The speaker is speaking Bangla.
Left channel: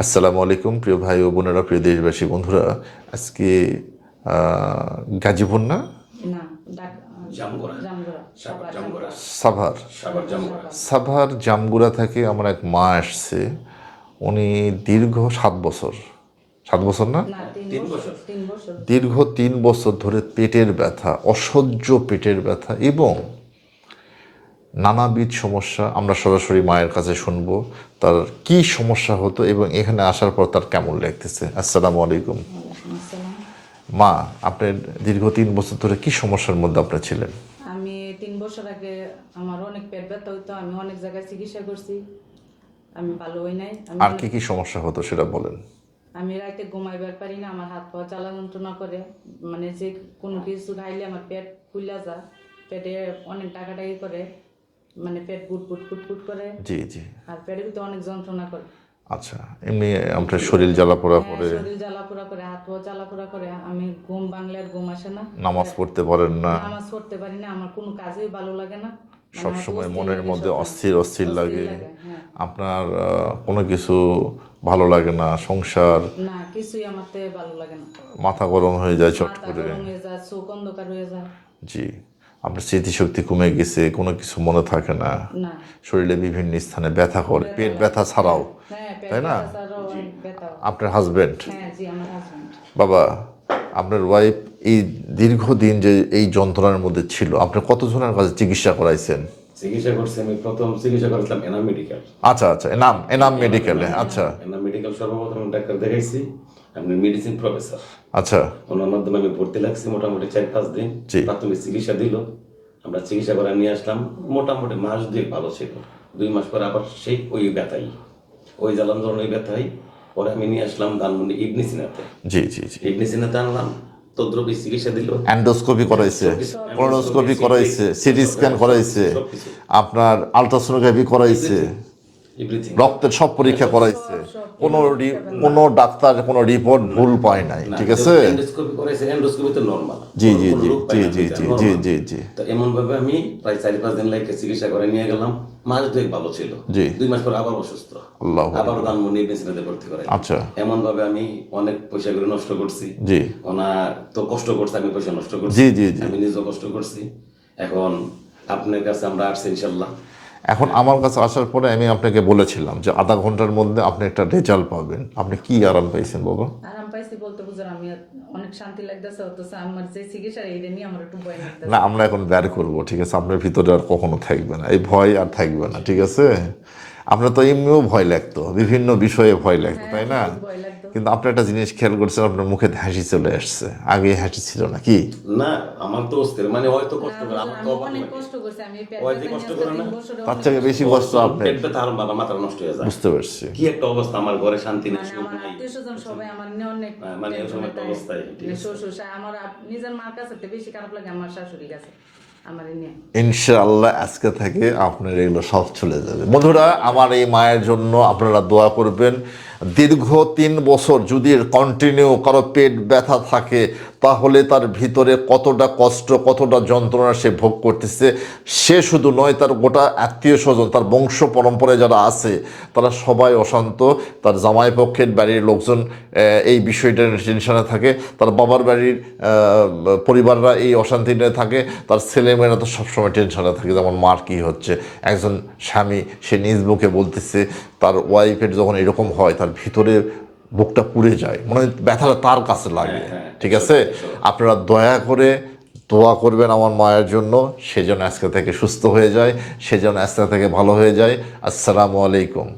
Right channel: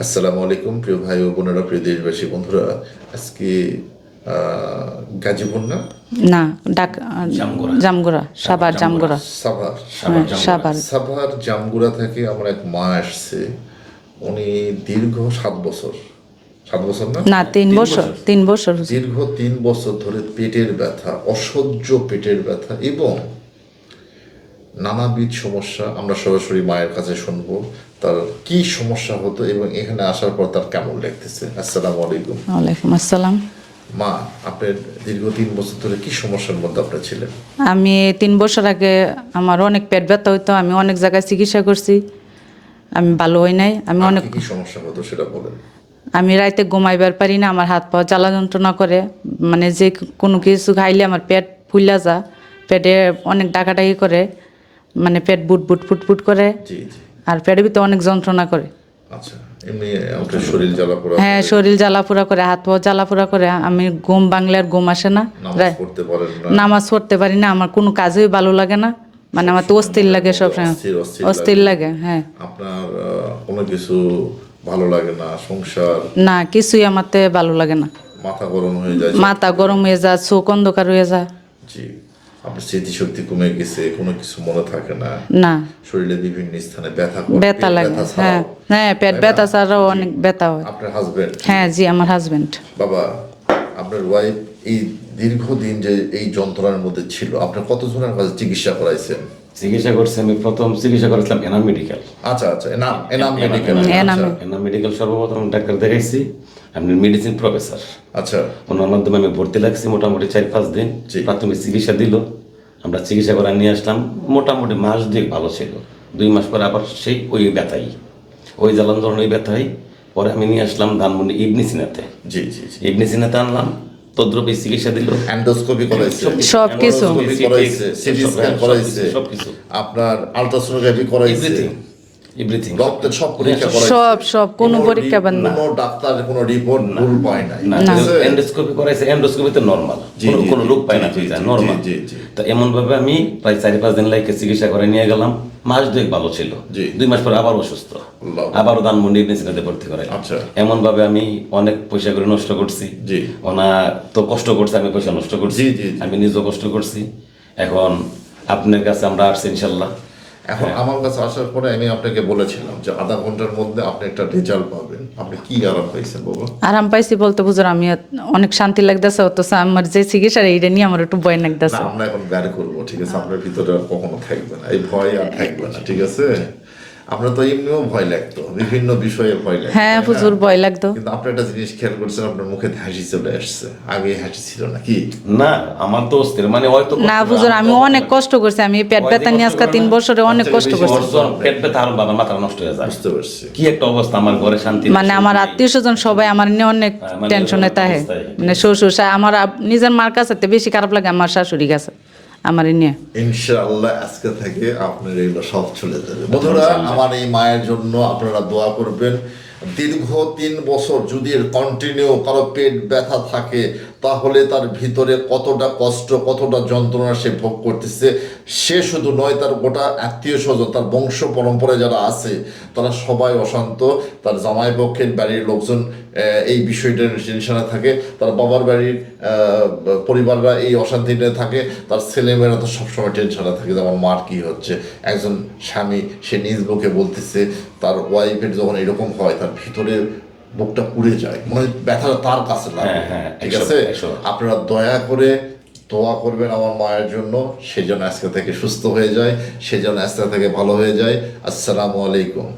আসসালামু আলাইকুম প্রিয় ভাই ও বোনেরা প্রিয় দেশবাসী বন্ধুরা। আজকে গাজীপুর না? না ডাক জামগোড়া। সাবার জামগোড়া। সাভার। হ্যাঁ, সাভার জামগুড়া। থেকে আমার এক মা আসছে উনি দীর্ঘ সাত বছর। সাত বছর না? না তিন বছর তিন বছর দীর্ঘ তিন বছর ধরে পেটের ব্যথা অসহ্য পেটের ব্যথা এবং নানাবিধ সমস্যা আমরা সরাসরি মায়ের কাছে শুনব তার কি সমস্যা হতো এবং এখানে আসার পর তার কেমন লাগতেছে। আসসালামু আলাইকুম। ওয়ালাইকুম আসসালাম। মা আপনার দীর্ঘ তিন বছর ধরে কি সমস্যার মধ্যে আপনি ছিলেন? আমি তিন বছর আগে আমার অনেক পেট ব্যথা হইতো আমি অনেক জায়গায় চিকিৎসা করছি আমি ভালো হই নাই আমি অনেক কি কি সমস্যা হতো সেটা বলেন। আমি রাইতে ঘুমাইবার পারি না আমার হাত পা জ্বালা যন্ত্রণা করে মানে যে কোনো কিছু খাইলে আমার পেট ফুলা যা পেটে অনেক ডাকাডাকি করে মানে পেট বুট বুট ফুট ফুট করে। জি জি। আর পেটের ভিতরে অনেক যন্ত্রণা করে। আচ্ছা এমনি আপনার শরীর জ্বালা পোড়া হ্যাঁ শরীর জ্বালাপোড়া করে হাত পা জ্বালাপোড়া করে। আমি ঘুম বাংলার ঘুম আসে না। নামাজ পড়তে পারেন না। নামাজ পড়তে পারি না আমার কোনো কাজেই ভালো লাগে না। মানে আমার তো অস্থির লাগে সব অস্থির লাগে। হ্যাঁ। আপনার কোনো কিছু ভালো লাগে না সংসার? না কিছুই আমারতে ভালো লাগে না। মাথা গরম হয়ে যায় মাথা গরম হয়ে যায় চোখ অন্ধকার হয়ে যায়। জি। আপনার স্মৃতিশক্তি কমে গেছে কোনো কিছু মনে থাকে না। না। শরীরে বিভিন্ন স্থানে ব্যথা করে ব্যথা লাগে হ্যাঁ। হ্যাঁ পেট ব্যথা ছাড়াও অনেক ব্যথা হয়। আপনার হাজবেন্ড হ্যাঁ জি আমার হাজবেন্ড বাবা আপনার ওয়াইফ এই দীর্ঘদিন যে এই যন্ত্রণার মধ্যে ছিল আপনি কতজনের কাছে চিকিৎসা করাইছেন? চিকিৎসা করছি আমি প্রথম চিকিৎসা করেছিলাম এনাম মেডিকেল আচ্ছা আচ্ছা এনাম এনাম মেডিকেল এনাম। আচ্ছা। এনাম মেডিকেল সর্বপ্রথম ডাক্তার দেখাইছি আপনি মেডিসিন প্রফেসর আচ্ছা। ওনার মাধ্যমে আমি ভর্তি লাগছি মোটামুটি চার পাঁচ দিন। প্রাথমিক চিকিৎসা দিল আমরা চিকিৎসা করে নিয়ে আসলাম। মোটামুটি মাস দুই ভালো ছিল। দুই মাস পরে আবার সেই ওই ব্যথাই ওই জ্বালান ধরনের ওই ব্যথাই পরে আমি নিয়ে আসলাম ধানমন্ডি ইবনি সিনাতে। জি জি জি। ইবনি সিনাতে আনলাম। তদ্রপি চিকিৎসা দিল। অ্যান্ডোস্কোপি করাইছে। সব কিছু করাইছে সিটি স্ক্যান করাইছে আপনার আলট্রাসোনোগ্রাফি করাইছে। রক্তের সব পরীক্ষা করাইছে। সব সব কোনো পরীক্ষা রি- বাদ না। কোনো ডাক্তার কোনো রিপোর্ট ভুল পায় নাই এন্ডোস্কোপি করাইছে এন্ডোস্কোপি তো নরমাল কোনো রোগ পাই না নরমাল জি, জি। তো এমন ভাবে আমি প্রায় চারি পাঁচ দিন লাগে চিকিৎসা করে নিয়ে গেলাম। মাস দুই ভালো ছিল। দুই মাস পরে আবার অসুস্থ। আবার মেসিনাতে ভর্তি করে আচ্ছা। এমন ভাবে আমি অনেক পয়সা করে নষ্ট করছি। জি। ওনা তো কষ্ট করছে আমি পয়সা নষ্ট করছি। জি, জি, জি। আমি নিজেও কষ্ট করছি। এখন আপনার কাছে আমরা আসছি ইনশাল্লাহ। এখন আমার কাছে আসার পরে আমি আপনাকে বলেছিলাম যে আধা ঘণ্টার মধ্যে আপনি একটা রেজাল্ট পাবেন। আপনি কি আরাম পাইছেন বাবা? আরাম পাইছি বলতে বুঝুন আমি অনেক শান্তি লাগতেছে অথচ আমার যে চিকিৎসা এইটা নিয়ে আমার একটু ভয় লাগতেছে। আমরা এখন বের করব ঠিক আছে? আপনার ভিতরে আর কখনো থাকবে না। এই ভয় আর থাকবে না ঠিক আছে? আমরা তো এমনিও ভয় লাগতো বিভিন্ন বিষয়ে ভয় লাগতো হ্যাঁ প্রচুর ভয় লাগতো। কিন্তু আপনি একটা জিনিস খেয়াল করছেন আপনার মুখে হাসি চলে আসছে। আগে হাসি ছিল না কি? না আমার তো অস্থির মানে হয়তো না বুঝুন আমি অনেক কষ্ট করছি আমি পেট ব্যথা নিয়ে আজকে তিন বছরে অনেক কষ্ট করছি। পেট ব্যথা আরও বাবা মাথা নষ্ট হয়ে যায়। বুঝতে পারছি। কি একটা অবস্থা আমার ঘরে শান্তি মানে আমার আত্মীয় স্বজন সবাই আমার নিয়ে অনেক হ্যাঁ, মানে টেনশনে থাকে। মানে শ্বশুর আমার নিজের মার কাছে বেশি খারাপ লাগে আমার শাশুড়ি কাছে। আমার নিয়ে। ইনশাআল্লাহ আজকে থেকে আপনার এগুলো সব চলে যাবে। বন্ধুরা আমার এই মায়ের জন্য আপনারা দোয়া করবেন। দীর্ঘ তিন বছর যদি কন্টিনিউ কারও পেট ব্যথা থাকে তাহলে তার ভিতরে কতটা কষ্ট, কতটা যন্ত্রণা সে ভোগ করতেছে, সে শুধু নয়, তার গোটা আত্মীয় স্বজন, তার বংশ পরম্পরায় যারা আছে, তারা সবাই অশান্ত। তার জামাই পক্ষের বাড়ির লোকজন এই বিষয়টা টেনশনে থাকে। তার বাবার বাড়ির পরিবাররা এই অশান্তি নিয়ে থাকে। তার ছেলেমেয়েরা তো সবসময় টেনশনে থাকে যেমন মার কি হচ্ছে। একজন স্বামী, সে নিজ মুখে বলতেছে, তার ওয়াইফের যখন এরকম হয়, তার ভিতরে বুকটা পুড়ে যায়। মনে হয় ব্যথাটা তার কাছে লাগে। হ্যাঁ, হ্যাঁ, ঠিক আছে? আপনারা দয়া করে দোয়া করবেন আমার মায়ের জন্য। সেজন্য আজকে থেকে সুস্থ হয়ে যায় সেজন্য আজকে থেকে ভালো হয়ে যায়। আসসালামু আলাইকুম।